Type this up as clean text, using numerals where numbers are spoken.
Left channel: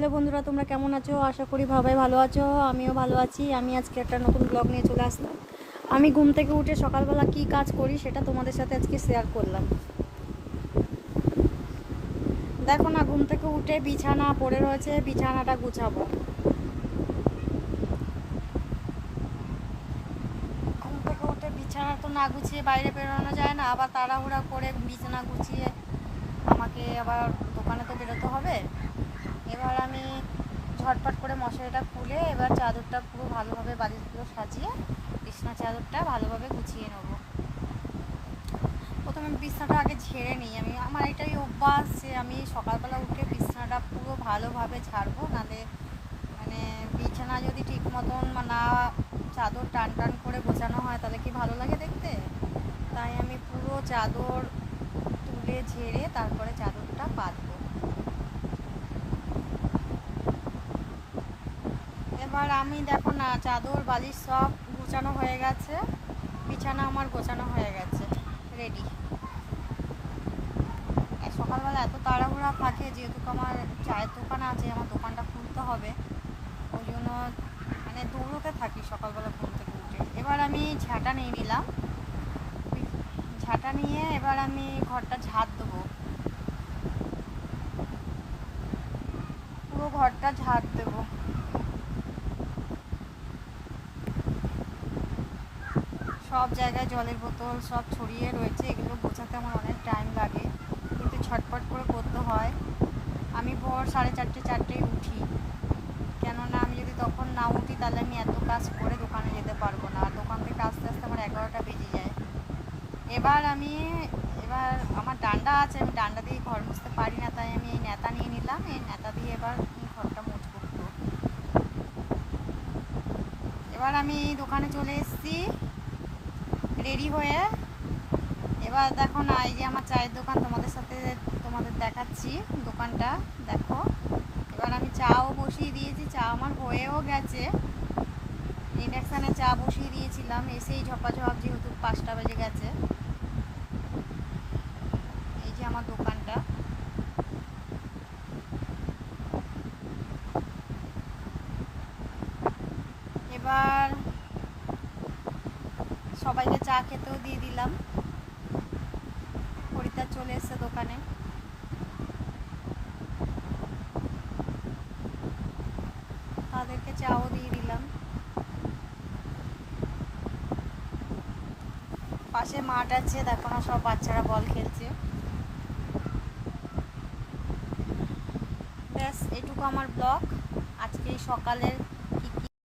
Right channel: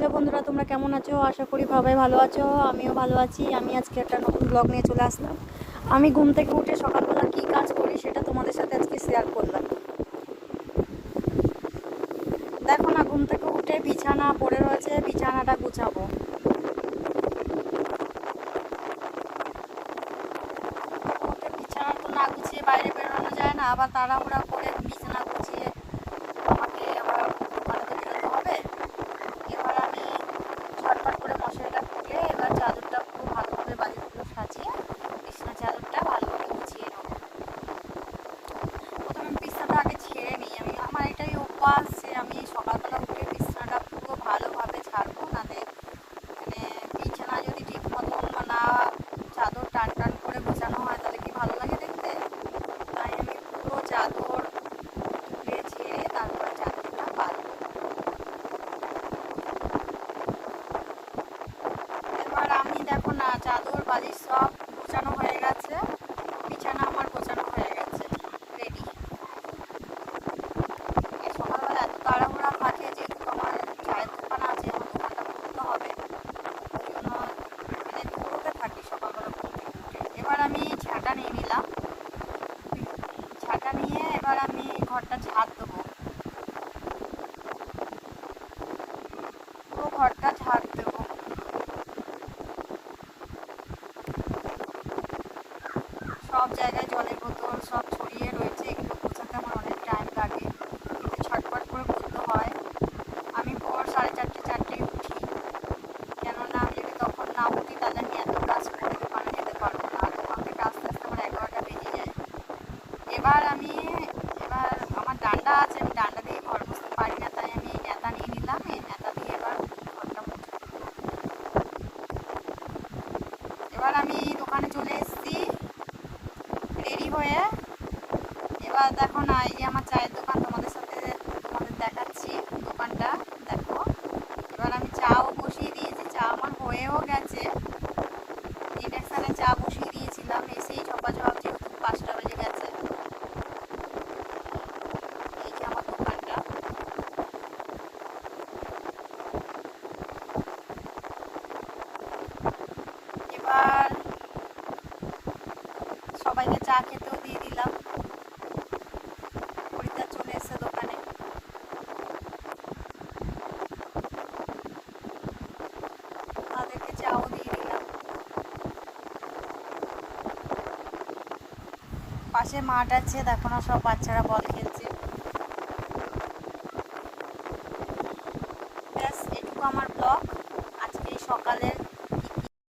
Hello বন্ধুরা, তোমরা কেমন আছো? আশা করি সবাই ভালো আছো। আমিও ভালো আছি। আমি আজকে একটা নতুন ব্লগ নিয়ে চলে আসলাম। আমি ঘুম থেকে উঠে সকালবেলা কি কাজ করি সেটা তোমাদের সাথে আজকে শেয়ার করলাম। দেখো না, ঘুম থেকে উঠে বিছানা পড়ে রয়েছে, বিছানাটা গুছাবো। ঘুম থেকে উঠে বিছানা তো না গুছিয়ে বাইরে বেরোনো যায় না, আবার তাড়াহুড়া করে বিছানা গুছিয়ে আমাকে আবার দোকানে তো বেরোতে হবে। এবার আমি ঝটপট করে মশারিটা খুলে এবার চাদরটা পুরো ভালোভাবে বালিশগুলো সাজিয়ে বিছানা চাদরটা ভালোভাবে গুছিয়ে নেবো। প্রথমে বিছানাটা আগে ঝেড়ে নিই। আমার এটাই অভ্যাস যে আমি সকালবেলা উঠে বিছানাটা পুরো ভালোভাবে ঝাড়বো, নাহলে মানে বিছানা যদি ঠিক মতন না চাদর টান টান করে গোছানো হয় তাহলে কি ভালো লাগে দেখতে। তাই আমি পুরো চাদর তুলে ঝেড়ে তারপরে চাদরটা পাতবো। এবার আমি দেখো না, চাদর বালিশ সব গোছানো হয়ে গেছে, বিছানা আমার গোছানো হয়ে গেছে, রেডি। সকালবেলা এত তাড়াহুড়া থাকে, যেহেতু আমার চায়ের দোকান আছে, আমার দোকানটা খুলতে হবে, ওই জন্য মানে দৌড়তে থাকি সকালবেলা ঘুম থেকে উঠে। এবার আমি ঝাঁটা নিয়ে নিলাম। ঝাঁটা নিয়ে এবার আমি ঘরটা ঝাড় দেবো, পুরো ঘরটা ঝাড় দেবো। সব জায়গায় জলের বোতল সব ছড়িয়ে রয়েছে, এগুলো গোছাতে আমার অনেক টাইম লাগে, কিন্তু ছটপট করে করতে হয়। আমি ভোর 4:30-4টায় উঠি, কেননা আমি যদি তখন না উঠি তাহলে আমি এত কাজ করে দোকানে যেতে পারবো না, আর দোকান থেকে আস্তে আস্তে আমার 11টা বেজে যায়। এবার আমার ডান্ডা আছে, আমি ডান্ডা দিয়ে ঘর মুছতে পারি না, তাই আমি এই নেতা নিয়ে নিলাম। এই নেতা দিয়ে এবার ঘরটা মুছবো। এবার আমি দোকানে চলে এসেছি রেডি হয়ে। এবার দেখো না, এই যে আমার চায়ের দোকান, তোমাদের দেখাচ্ছি দোকানটা, দেখো। এবার আমি চাও বসিয়ে দিয়েছি, চা আমার হয়েও গেছে। ইন্ডাকশানে চা বসিয়ে দিয়েছিলাম, এসেই ঝপাঝপ, যেহেতু 5টা বেজে গেছে। এই যে আমার দোকানটা। এবার সবাইকে চা খেতেও দিয়ে দিলাম। খরিদ্দার চলে এসেছে দোকানে, তাদেরকে চাও দিয়ে দিলাম। পাশে মাঠ আছে, দেখো না, সব বাচ্চারা বল খেলছে। ব্যাস, এটুকু আমার ব্লগ আজকে সকালের।